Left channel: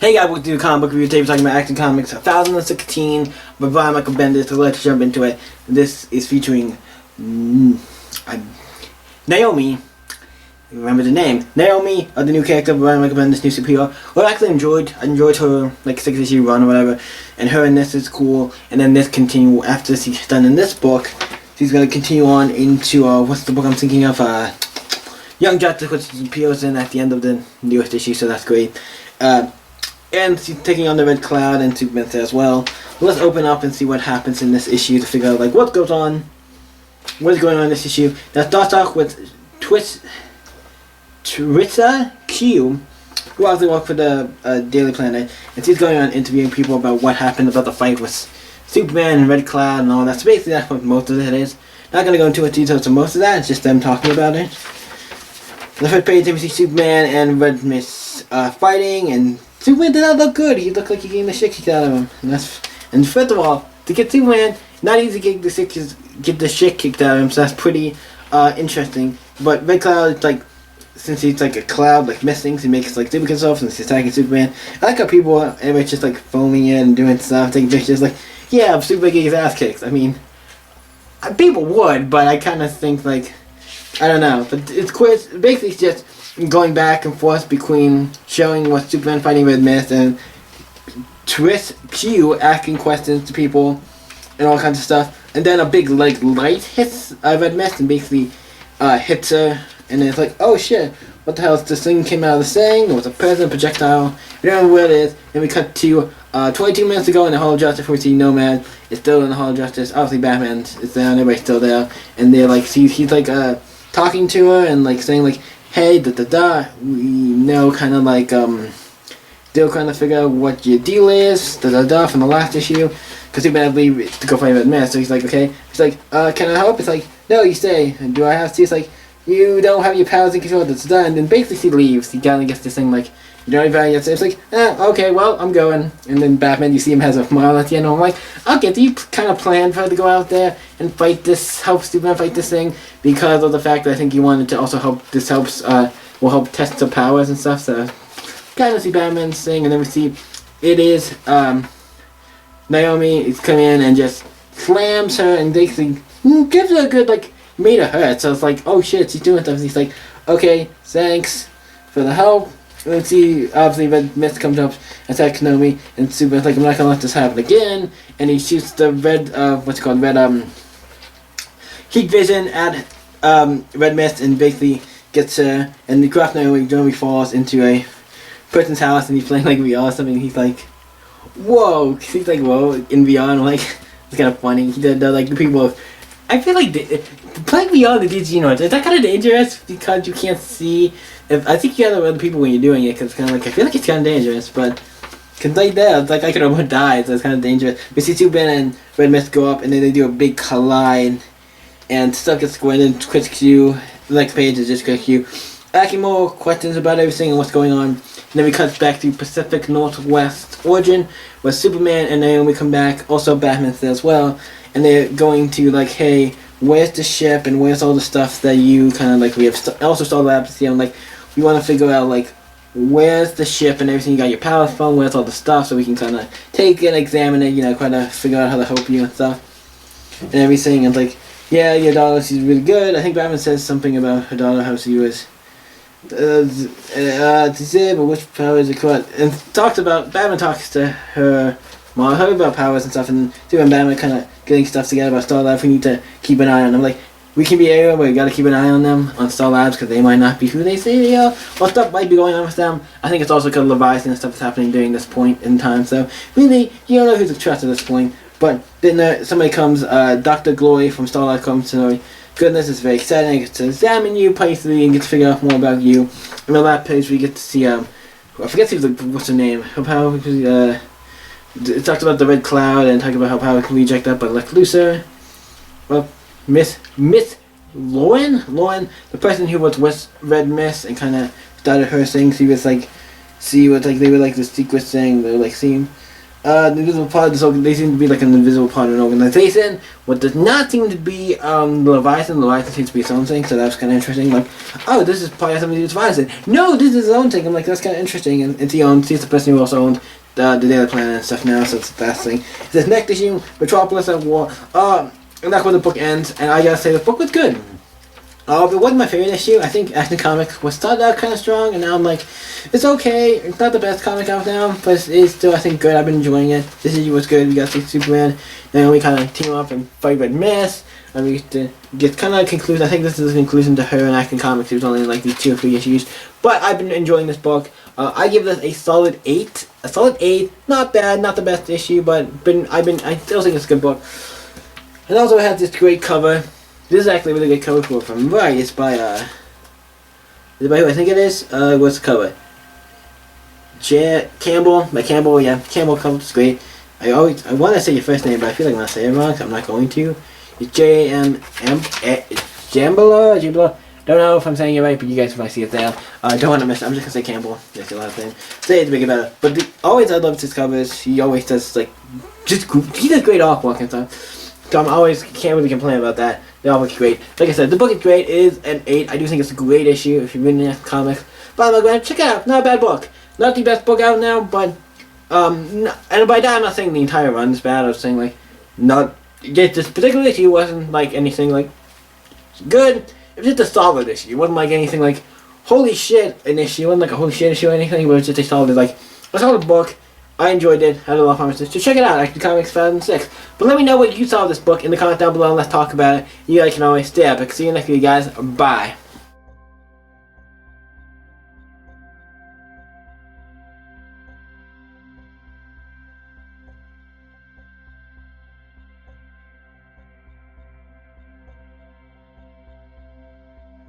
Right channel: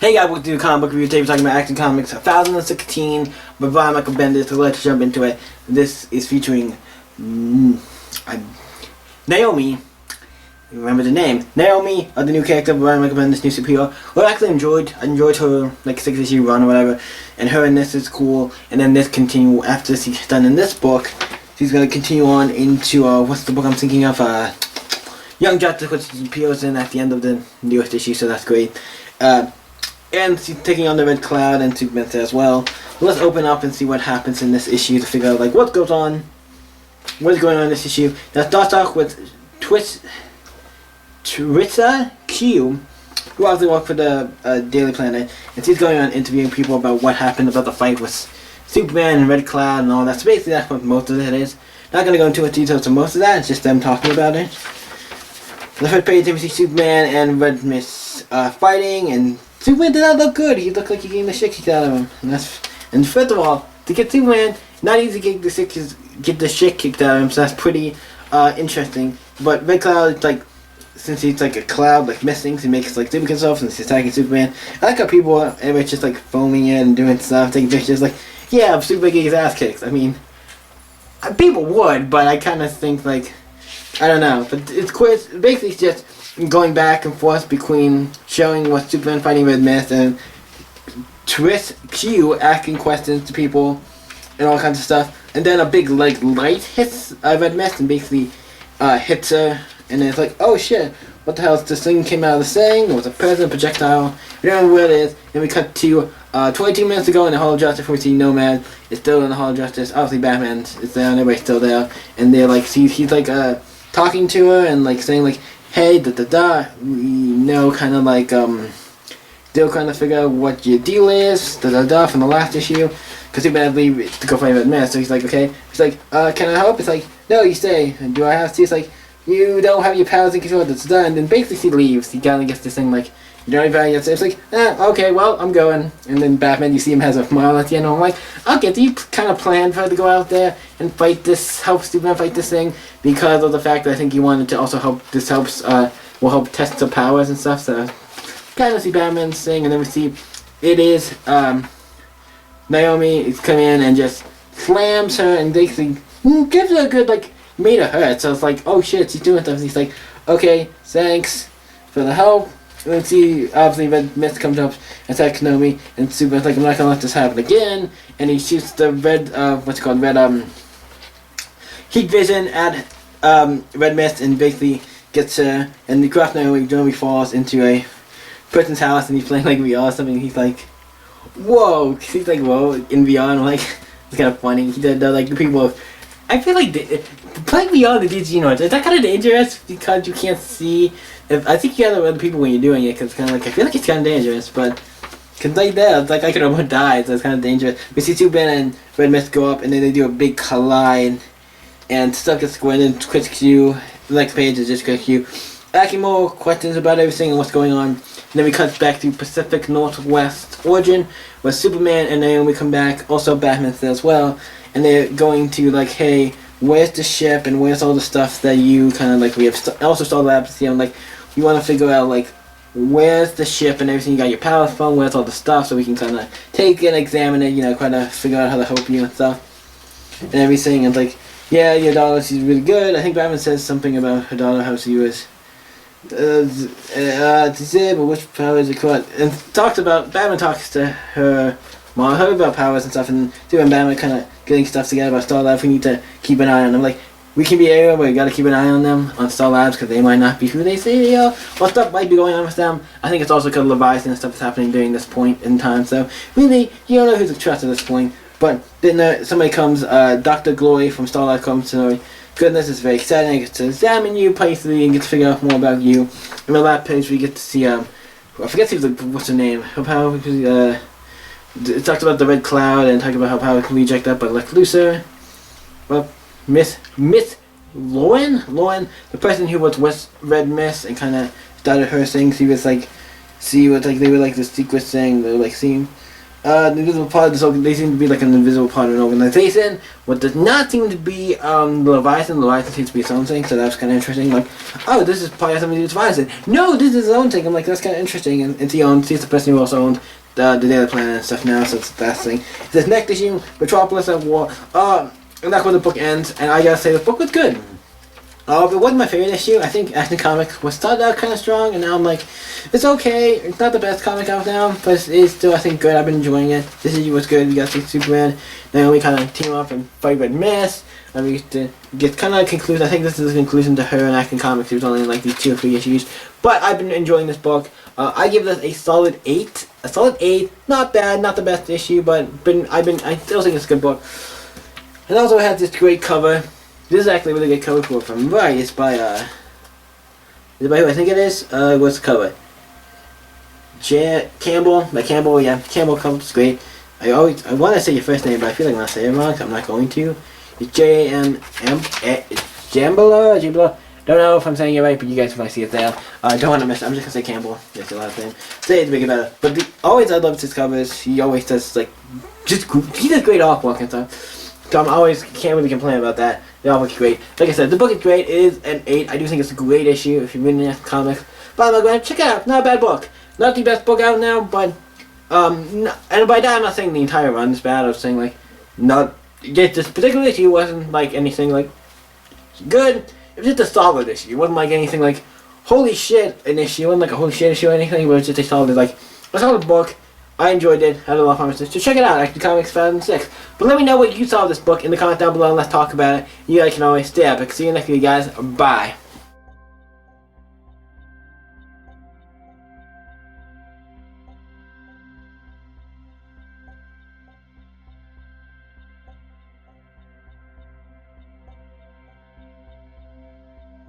Hey guys, welcome to the comic book review. Today we're talking about Action Comics 1016 by Brian Michael Bendis. So let's jump into it. This is featuring Naomi. Remember the name. Naomi, the new character of Brian Michael Bendis, new superhero. Well, I actually enjoyed her like 6-issue run or whatever. And her in this is cool. And then this continue after she's done in this book. She's gonna continue on into what's the book I'm thinking of? Young Justice, which appears in at the end of the newest issue. So that's great. And she's taking on the Red Cloud and Superman there as well. Let's open up and see what happens in this issue to figure out like what goes on, what is going on in this issue. Now start off with Tritza Q, who also works for the Daily Planet, and she's going on interviewing people about what happened about the fight with Superman and Red Cloud and all that. So basically that's what most of it is. Not going to go into much detail to most of that, it's just them talking about it. On the first page we see Superman and Red Mist fighting, and Superman did not look good. He looked like he getting the shit kicked out of him. And first of all, to get Superman, not easy to get the shit kicked out of him, so that's pretty interesting. But Red Cloud, like, since he's like a cloud, like mist things, he makes like super himself since he's attacking Superman. I like how people, everybody's just like foaming it and doing stuff, taking pictures, like, yeah, Superman getting his ass kicked. I mean, people would, but I kind of think like, I don't know. But it's quick. Basically, it's just going back and forth between showing what Superman fighting Red Mist and Twist Q asking questions to people and all kinds of stuff. And then a big like light hits Red Mist and basically hits her. And then it's like, oh shit, what the hell? This thing came out of the thing. It was a present projectile. We don't know where it is. Then we cut to 22 minutes ago in the Hall of Justice, where we see Nomad is still in the Hall of Justice. Obviously, Batman is there and everybody's still there. And they're like, he's like talking to her and like saying like, hey, we know kind of like, they'll kind of figure out what your deal is, from the last issue, because Superman had to leave to go find Red Mist, so he's like, okay, he's like, can I help? It's like, no, you stay, and do I have to? It's like, you don't have your powers in control, that's done, and then basically he leaves, he kind of gets this thing like, you don't even have to, it's like, okay, well, I'm going, and then Batman, you see him has a smile at the end, and I'm like, okay, do you kind of plan for her to go out there and fight this, help Superman fight this thing, because of the fact that I think he wanted to also help, this will help test her powers and stuff, so kind of see Batman's thing, and then we see it is Naomi is coming in and just slams her and basically gives her a good like made her hurt. So it's like, oh shit, she's doing stuff. And he's like, okay, thanks for the help. And then see obviously Red Mist comes up, attacks Naomi, and Superman's like, I'm not gonna let this happen again. And he shoots the red heat vision at Red Mist and basically gets her, and the craft Naomi falls into a person's house, and he's playing like VR or something. He's like, whoa! He's like, whoa, in VR. And I'm like, it's kind of funny. He does like the people. I feel like playing VR the DC universe, is that kind of dangerous because you can't see. I think you have other people when you're doing it, because kind of like I feel like it's kind of dangerous, but because like that, it's like I could almost die, so it's kind of dangerous. We see Superman and Red Mist go up, and then they do a big collide, and stuff gets squared in. Quick Q. The next page is just Quick Q. Asking more questions about everything and what's going on. And then we cut back to Pacific Northwest Origin, where Superman and Naomi come back, also Batman's there as well, and they're going to like, hey, where's the ship and where's all the stuff that you kind of like, we have also Star Labs here, and like, we want to figure out like, where's the ship and everything you got your powers from, where's all the stuff, so we can kind of take and examine it, you know, kind of figure out how to help you and stuff, and everything, and like, yeah, your daughter, she's really good. I think Batman says something about her daughter, how she was disabled, which power is it called? And Batman talks to her mom about powers and stuff, and doing Batman kind of getting stuff together about Star Labs. We need to keep an eye on them. Like, we can be everywhere, but we gotta keep an eye on them, on Star Labs, because they might not be who they say they are, or stuff might be going on with them. I think it's also because Leviathan and stuff is happening during this point in time, so really, you don't know who to trust at this point. But then somebody comes, Dr. Glory from Star Labs comes to goodness, it's very exciting. I get to examine you personally and get to figure out more about you. In the last page, we get to see, I forget what's her name. Her power, it talks about the Red Cloud and talks about how power can be ejected up by Lex Luthor. Well, Miss Lauren, the person who was with Red Mist and kind of started her thing. She was like, they were like the secret thing. They were like seeing. The invisible part of this they seem to be like an invisible part of an organization. What does not seem to be the Leviathan. Leviathan seems to be its own thing, so that's kind of interesting. Like, oh, this is probably something to do with Leviathan. No, this is its own thing. I'm like, that's kind of interesting. And it's the person who also owned the Daily Planet and stuff now, so it's that thing. It says next issue, Metropolis at War. And that's where the book ends. And I gotta say, the book was good. It wasn't my favorite issue. I think Action Comics was started out kind of strong, and now I'm like, it's okay. It's not the best comic out now, but it is still, I think, good. I've been enjoying it. This issue was good. We got to see Superman. Naomi kind of team up and fight Red Mist. And we get kind of a conclusion. I think this is a conclusion to her in Action Comics. It was only like these 2 or 3 issues. But I've been enjoying this book. I give this a solid 8. A solid 8. Not bad. Not the best issue, but I still think it's a good book. And also it has this great cover. This is actually a really good cover for it from right. It's by is it by who I think it is? What's the cover? Campbell. By Campbell, yeah. Campbell cover is great. I want to say your first name, but I feel like I'm gonna say it wrong, so I'm not going to. It's Jambala. Don't know if I'm saying it right, but you guys might see it there. I don't want to miss it. I'm just gonna say Campbell. That's your last name. Say it to make it better. But always I love his covers. He always does he does great artwork and stuff. So can't really complain about that. They all look great. Like I said, the book is great. It is an 8. I do think it's a great issue if you're reading the comics. But I'm going to check it out. Not a bad book. Not the best book out now, but and by that I'm not saying the entire run is bad. I was saying this particular issue wasn't like anything like good. It was just a solid issue. It wasn't like anything like holy shit an issue. It wasn't like a holy shit issue or anything. It was just a solid book. I enjoyed it, had a lot of promises. So check it out, Action Comics 2006. But let me know what you saw of this book in the comments down below and let's talk about it. You guys can always stay epic. See you next week, guys. Bye.